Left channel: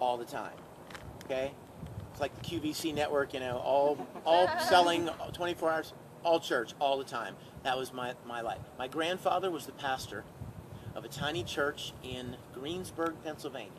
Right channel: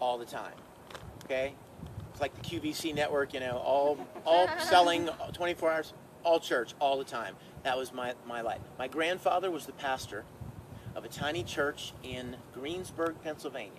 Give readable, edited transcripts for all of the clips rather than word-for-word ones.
all the time. Okay? It's like the QVC network, you know, all selling 24 hours, all church, all the time. That was my life. My grandfather was the pastor of a tiny church in Greensburg, Pennsylvania.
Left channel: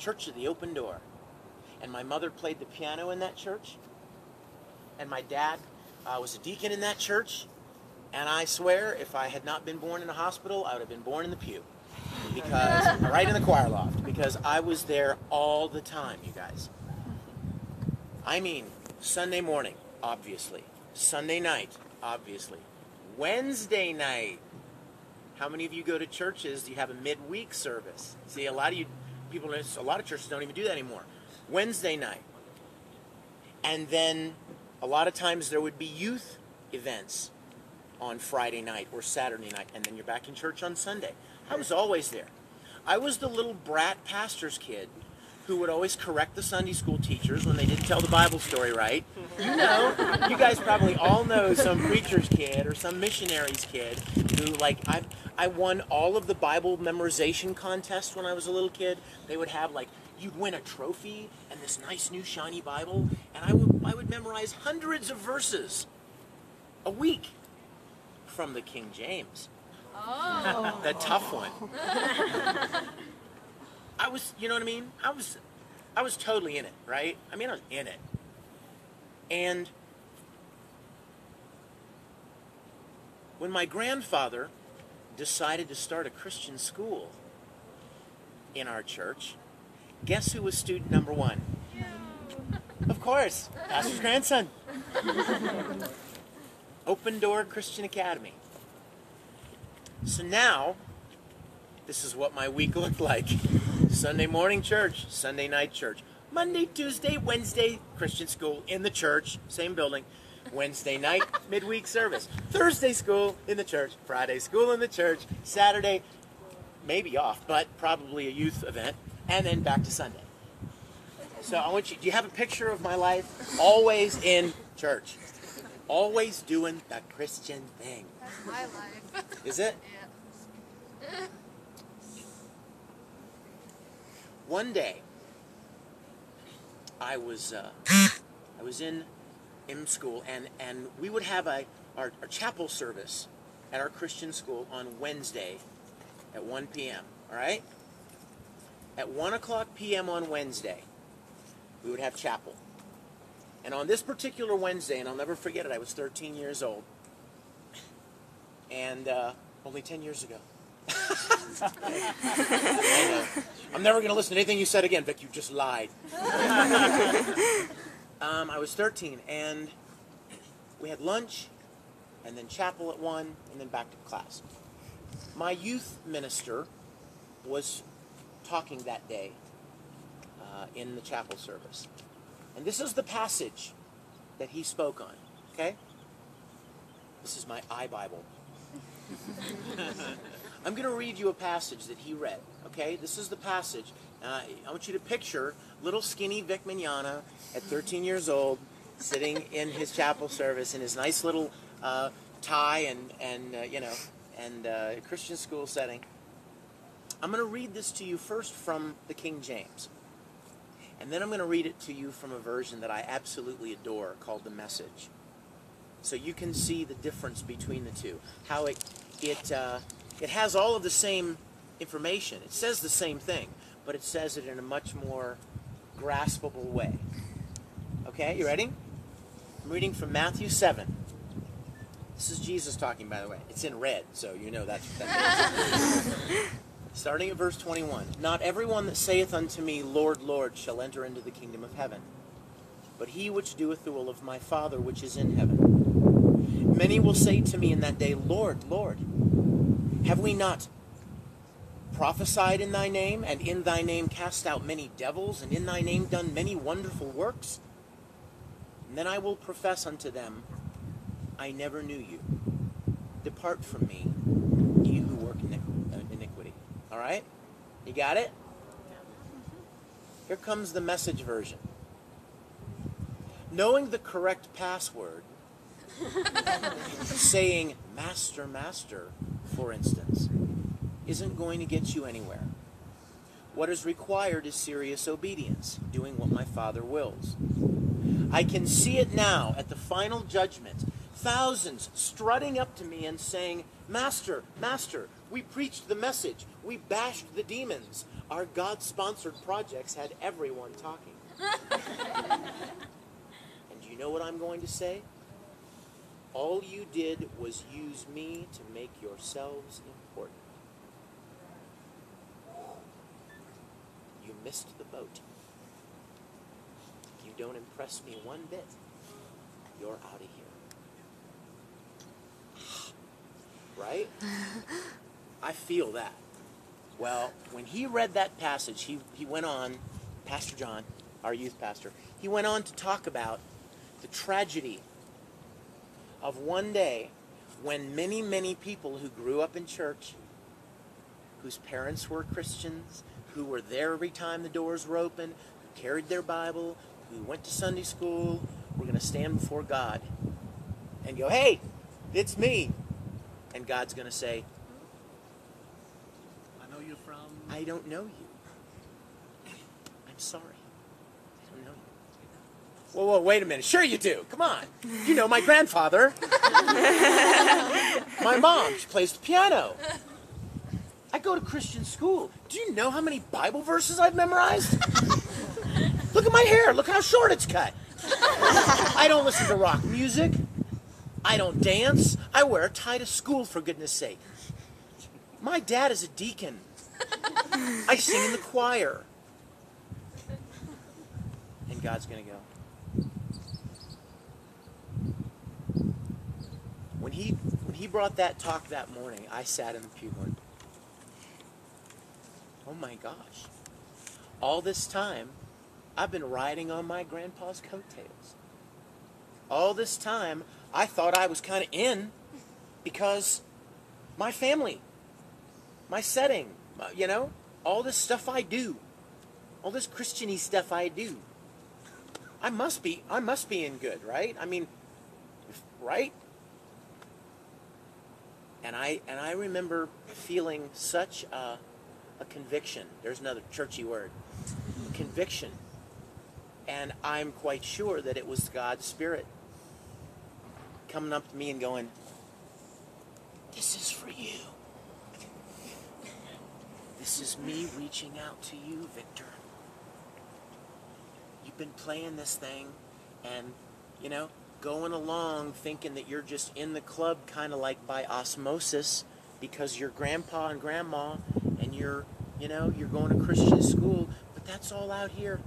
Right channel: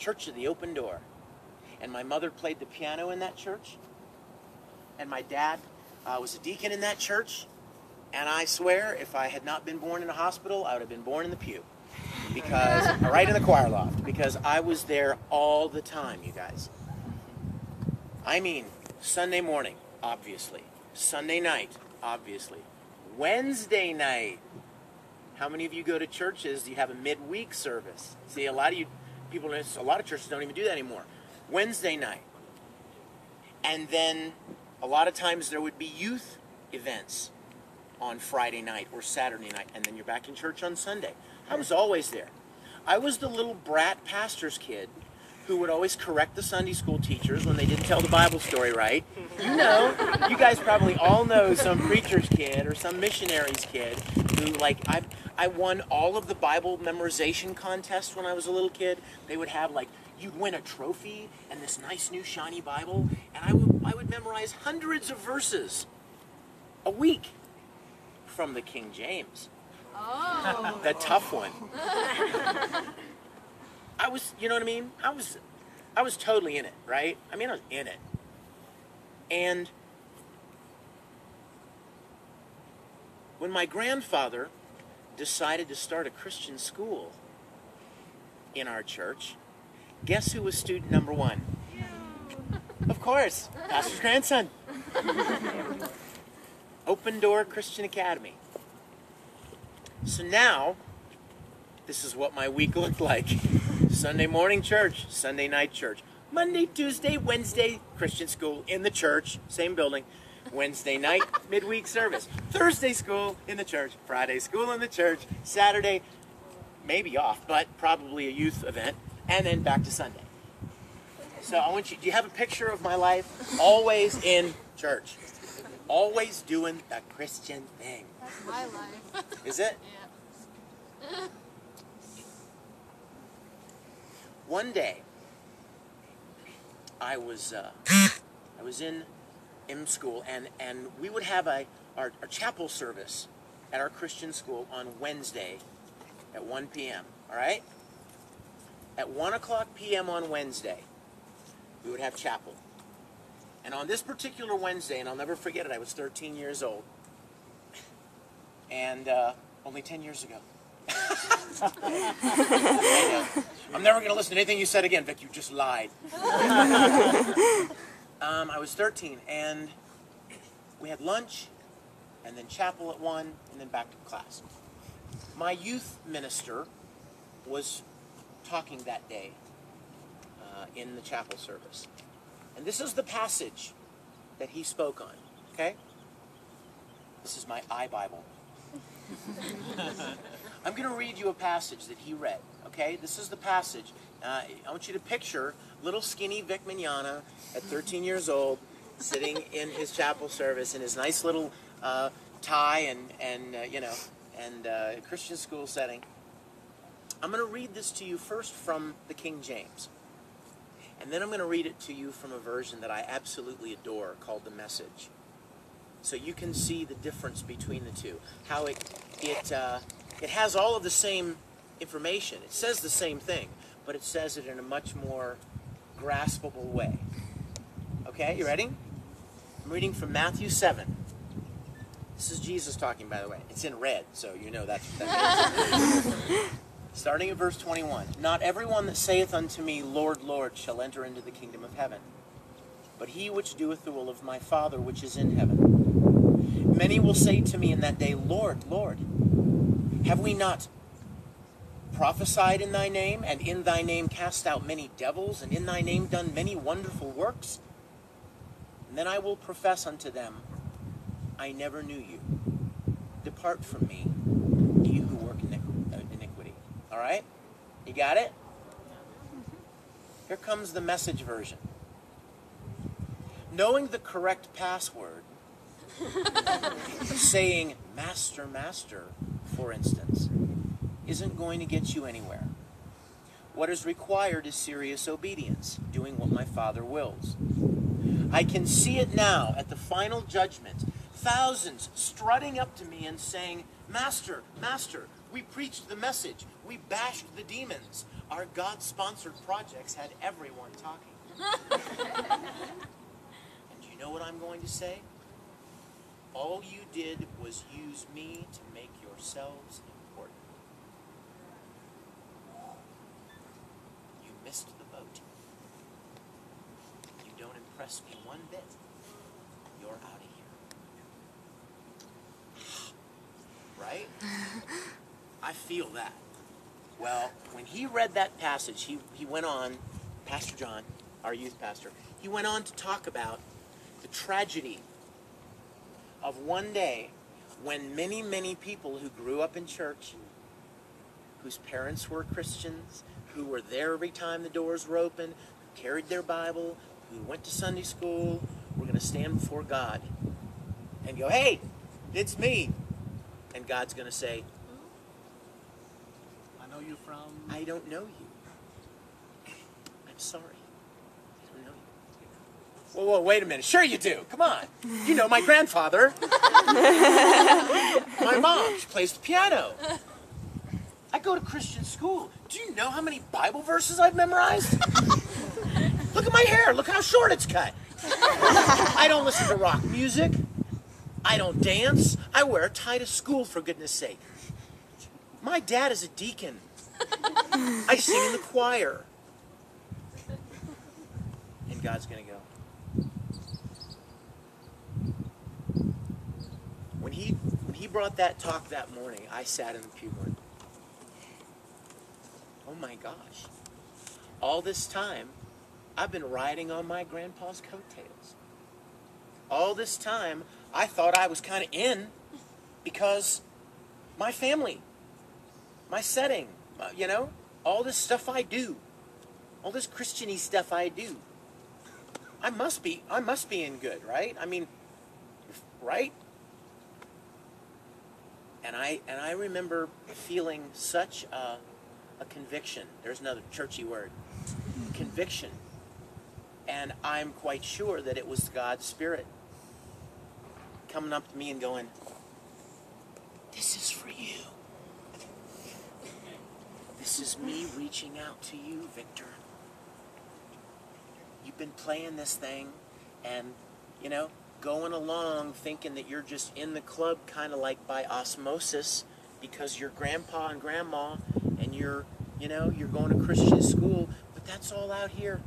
Church of the Open Door. And my mother played the piano in that church. And my dad was a deacon in that church. And I swear, if I had not been born in a hospital, I would have been born in the pew. Because, right in the choir loft. Because I was there all the time, you guys. I mean, Sunday morning, obviously. Sunday night, obviously. Wednesday night. How many of you go to churches, you have a midweek service? See, a lot of churches don't even do that anymore. Wednesday night. And then, a lot of times there would be youth events on Friday night or Saturday night, and then you're back in church on Sunday. I was always there. I was the little brat pastor's kid who would always correct the Sunday school teachers when they didn't tell the Bible story right. You know, you guys probably all know some preacher's kid or some missionary's kid who, like, I won all of the Bible memorization contests when I was a little kid. They would have, like, you'd win a trophy and this nice new shiny Bible, and I would memorize hundreds of verses a week from the King James. Oh. The tough one. I was, you know what I mean? I was totally in it, right? I mean, I was in it. And when my grandfather decided to start a Christian school in our church, guess who was student number one? Of course, pastor's grandson. Open Door Christian Academy. So now, this is what my week looked like. Sunday morning church, Sunday night church. Monday, Tuesday, Wednesday, Christian school in the church, same building. Wednesday night, midweek service. Thursday school in the church. Friday school in the church. Saturday, maybe off, but probably a youth event. And then back to Sunday. So I want you, do you have a picture of my life? Always in church. Always doing the Christian thing. That's my life. Is it? Yeah. One day, I was in school, and we would have our chapel service at our Christian school on Wednesday at 1 p.m., all right? At 1 o'clock p.m. on Wednesday, we would have chapel. And on this particular Wednesday, and I'll never forget it, I was 13 years old. And only 10 years ago. I'm never going to listen to anything you said again, Vic. You just lied. I was 13, and we had lunch, and then chapel at 1, and then back to class. My youth minister was talking that day in the chapel service. And this is the passage that he spoke on, okay? This is my iBible. I'm going to read you a passage that he read, okay? This is the passage. I want you to picture little skinny Vic Mignogna at 13 years old sitting in his chapel service in his nice little tie and Christian school setting. I'm going to read this to you first from the King James. And then I'm going to read it to you from a version that I absolutely adore called The Message. So you can see the difference between the two. How it has all of the same information. It says the same thing, but it says it in a much more graspable way. Okay, you ready? I'm reading from Matthew 7. This is Jesus talking, by the way. It's in red, so you know that's starting at verse 21. Not everyone that saith unto me, Lord, Lord, shall enter into the kingdom of heaven, but he which doeth the will of my Father which is in heaven. Many will say to me in that day, Lord, Lord, have we not prophesied in thy name, and in thy name cast out many devils, and in thy name done many wonderful works? And then I will profess unto them, I never knew you. Depart from me, ye who work iniquity. All right? You got it? Here comes the Message version. Knowing the correct password, saying master, master, for instance, isn't going to get you anywhere. What is required is serious obedience, doing what my Father wills. I can see it now at the final judgment. Thousands strutting up to me and saying, Master, Master, we preached the message. We bashed the demons. Our God-sponsored projects had everyone talking. And do you know what I'm going to say? All you did was use me to make yourselves important. You missed the boat. You don't impress me one bit. You're out of here. Right? I feel that. Well, when he read that passage, he went on, Pastor John, our youth pastor, he went on to talk about the tragedy of one day when many, many people who grew up in church, whose parents were Christians, who were there every time the doors were open, who carried their Bible, who went to Sunday school, were going to stand before God and go, hey, it's me. And God's going to say, I know you from... I don't know you. I'm sorry. I don't know you. Whoa, wait a minute. Sure you do. Come on. You know my grandfather. My mom plays the piano. I go to Christian school. Do you know how many Bible verses I've memorized? Look at my hair. Look how short it's cut. I don't listen to rock music. I don't dance. I wear a tie to school, for goodness sake. My dad is a deacon. I sing in the choir. And God's going to go. When he brought that talk that morning, I sat in the pew going, oh my gosh. All this time, I've been riding on my grandpa's coattails. All this time, I thought I was kind of in because my family, my setting, all this stuff I do, all this Christian-y stuff I do. I must be in good, right? I mean, right? And I remember feeling such a conviction. There's another churchy word. Conviction. And I'm quite sure that it was God's Spirit coming up to me and going, this is for you. This is me reaching out to you, Victor. You've been playing this thing and, going along thinking that you're just in the club kind of like by osmosis because you're grandpa and grandma and you're going to Christian school, but that's all out here.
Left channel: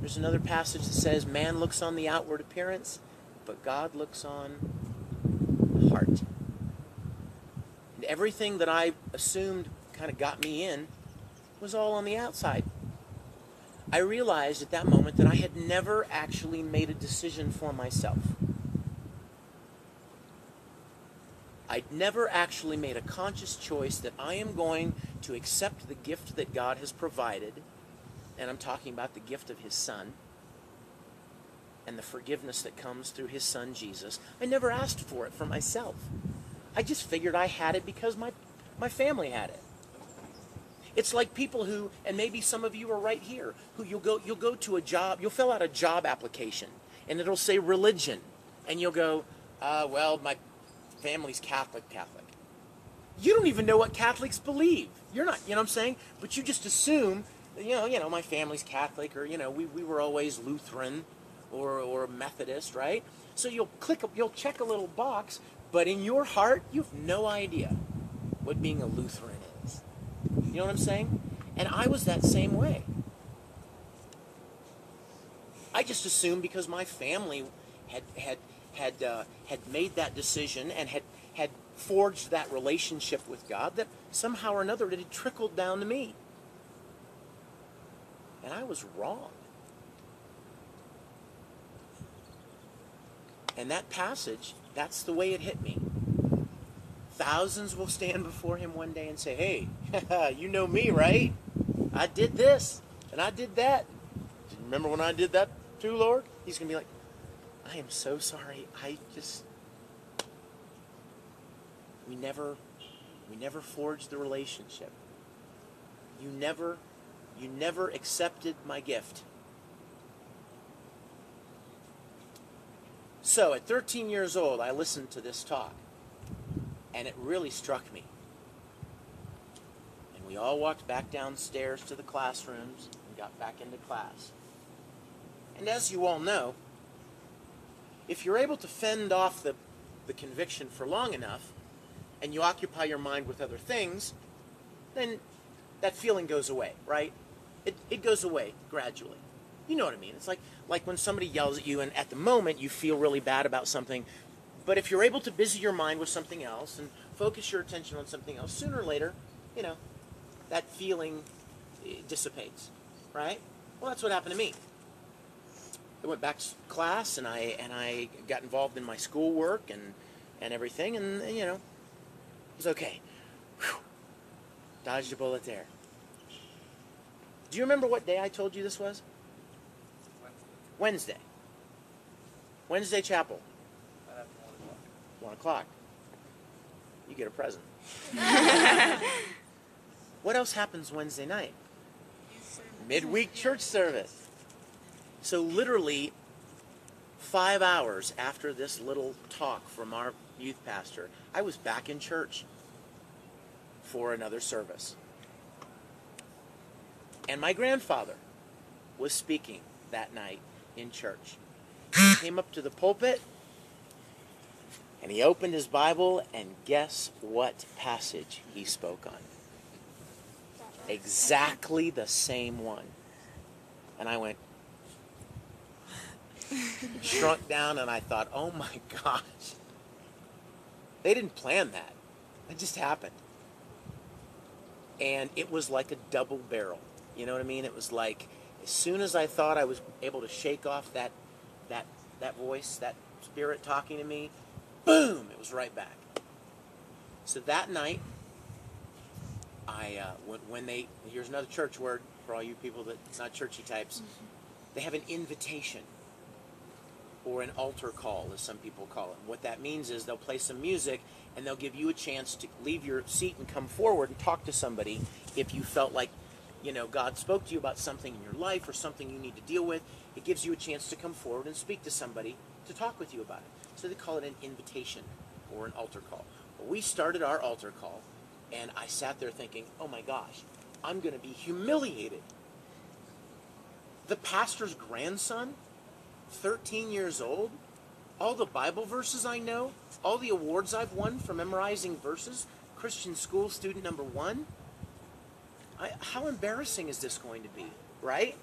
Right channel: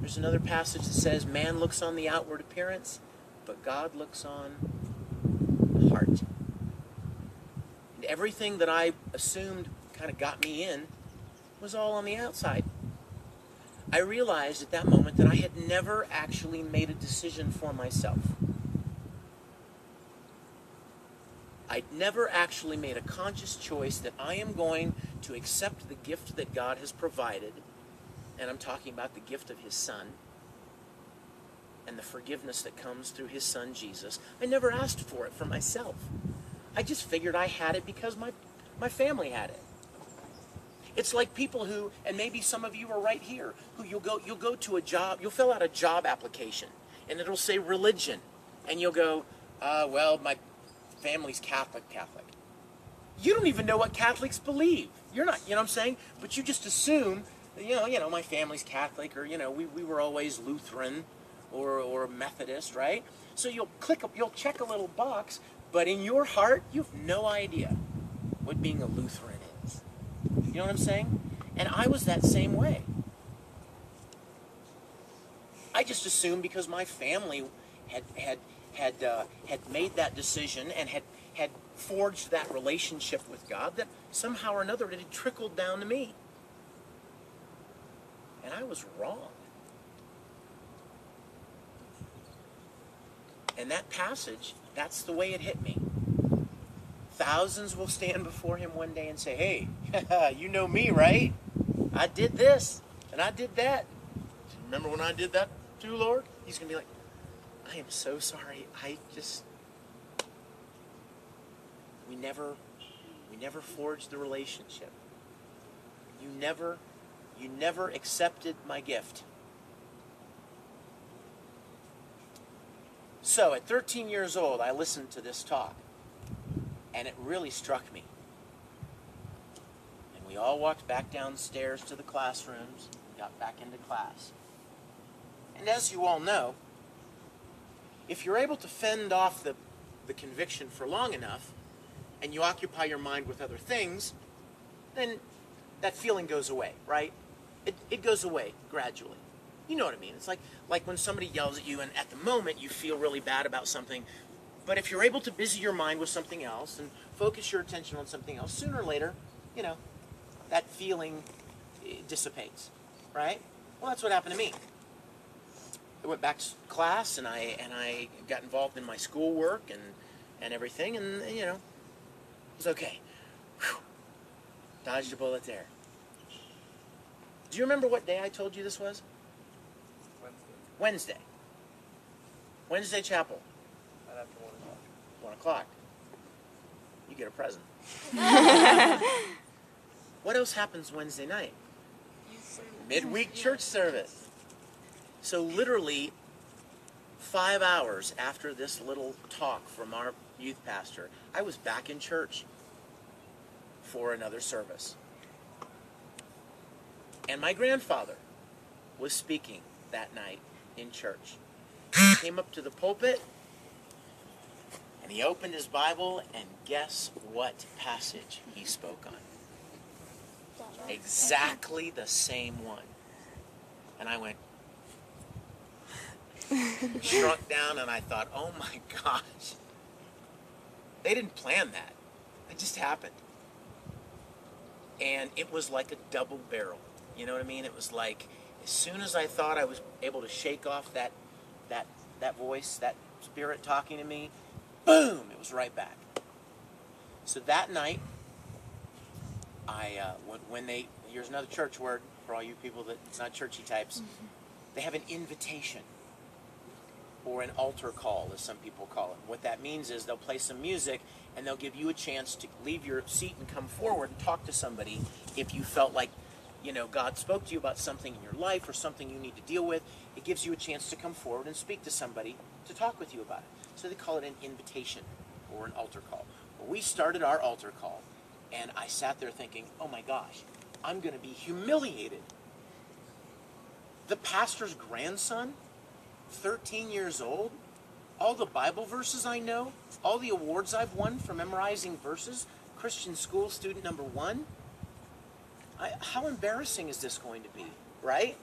There's another passage that says, man looks on the outward appearance, but God looks on the heart. And everything that I assumed kind of got me in was all on the outside. I realized at that moment that I had never actually made a decision for myself. I'd never actually made a conscious choice that I am going to accept the gift that God has provided, and I'm talking about the gift of His Son, and the forgiveness that comes through His Son, Jesus. I never asked for it for myself. I just figured I had it because my family had it. It's like people who, and maybe some of you are right here, who you'll go to a job, you'll fill out a job application, and it'll say religion, and you'll go, well, my family's Catholic. You don't even know what Catholics believe. You're not, you know what I'm saying? But you just assume, my family's Catholic, or, we were always Lutheran or Methodist, right? So you'll check a little box, but in your heart, you have no idea what being a Lutheran is. You know what I'm saying? And I was that same way. I just assumed because my family had made that decision and had forged that relationship with God that somehow or another it had trickled down to me. And I was wrong. And that passage, that's the way it hit me. Thousands will stand before Him one day and say, hey, you know me, right? I did this, and I did that. Do you remember when I did that too, Lord? He's going to be like, I am so sorry. We never forged the relationship. never accepted my gift. So at 13 years old, I listened to this talk, and it really struck me. And we all walked back downstairs to the classrooms and got back into class. And as you all know, if you're able to fend off the conviction for long enough, and you occupy your mind with other things, then that feeling goes away, right? It goes away gradually. You know what I mean? It's like when somebody yells at you, and at the moment you feel really bad about something, but if you're able to busy your mind with something else and focus your attention on something else, sooner or later, that feeling dissipates, right? Well, that's what happened to me. I went back to class, and I got involved in my schoolwork and everything, and it was okay. Whew. Dodged a bullet there. Do you remember what day I told you this was? Wednesday. Wednesday chapel. Right after 1 o'clock. 1 o'clock. You get a present. What else happens Wednesday night? Midweek church service. So literally 5 hours after this little talk from our youth pastor, I was back in church for another service. And my grandfather was speaking that night in church. He came up to the pulpit, and he opened his Bible, and guess what passage he spoke on? Exactly the same one. And I went, shrunk down, and I thought, oh my gosh. They didn't plan that. It just happened. And it was like a double barrel. You know what I mean? It was like, as soon as I thought I was able to shake off that voice, that spirit talking to me, boom, it was right back. So that night, here's another church word for all you people that's not churchy types. They have an invitation, or an altar call, as some people call it. What that means is they'll play some music, and they'll give you a chance to leave your seat and come forward and talk to somebody if you felt like, God spoke to you about something in your life or something you need to deal with. It gives you a chance to come forward and speak to somebody to talk with you about it. So they call it an invitation or an altar call. Well, we started our altar call, and I sat there thinking, oh my gosh, I'm going to be humiliated. The pastor's grandson, 13 years old, all the Bible verses I know, all the awards I've won for memorizing verses, Christian school student number 1. How embarrassing is this going to be, right?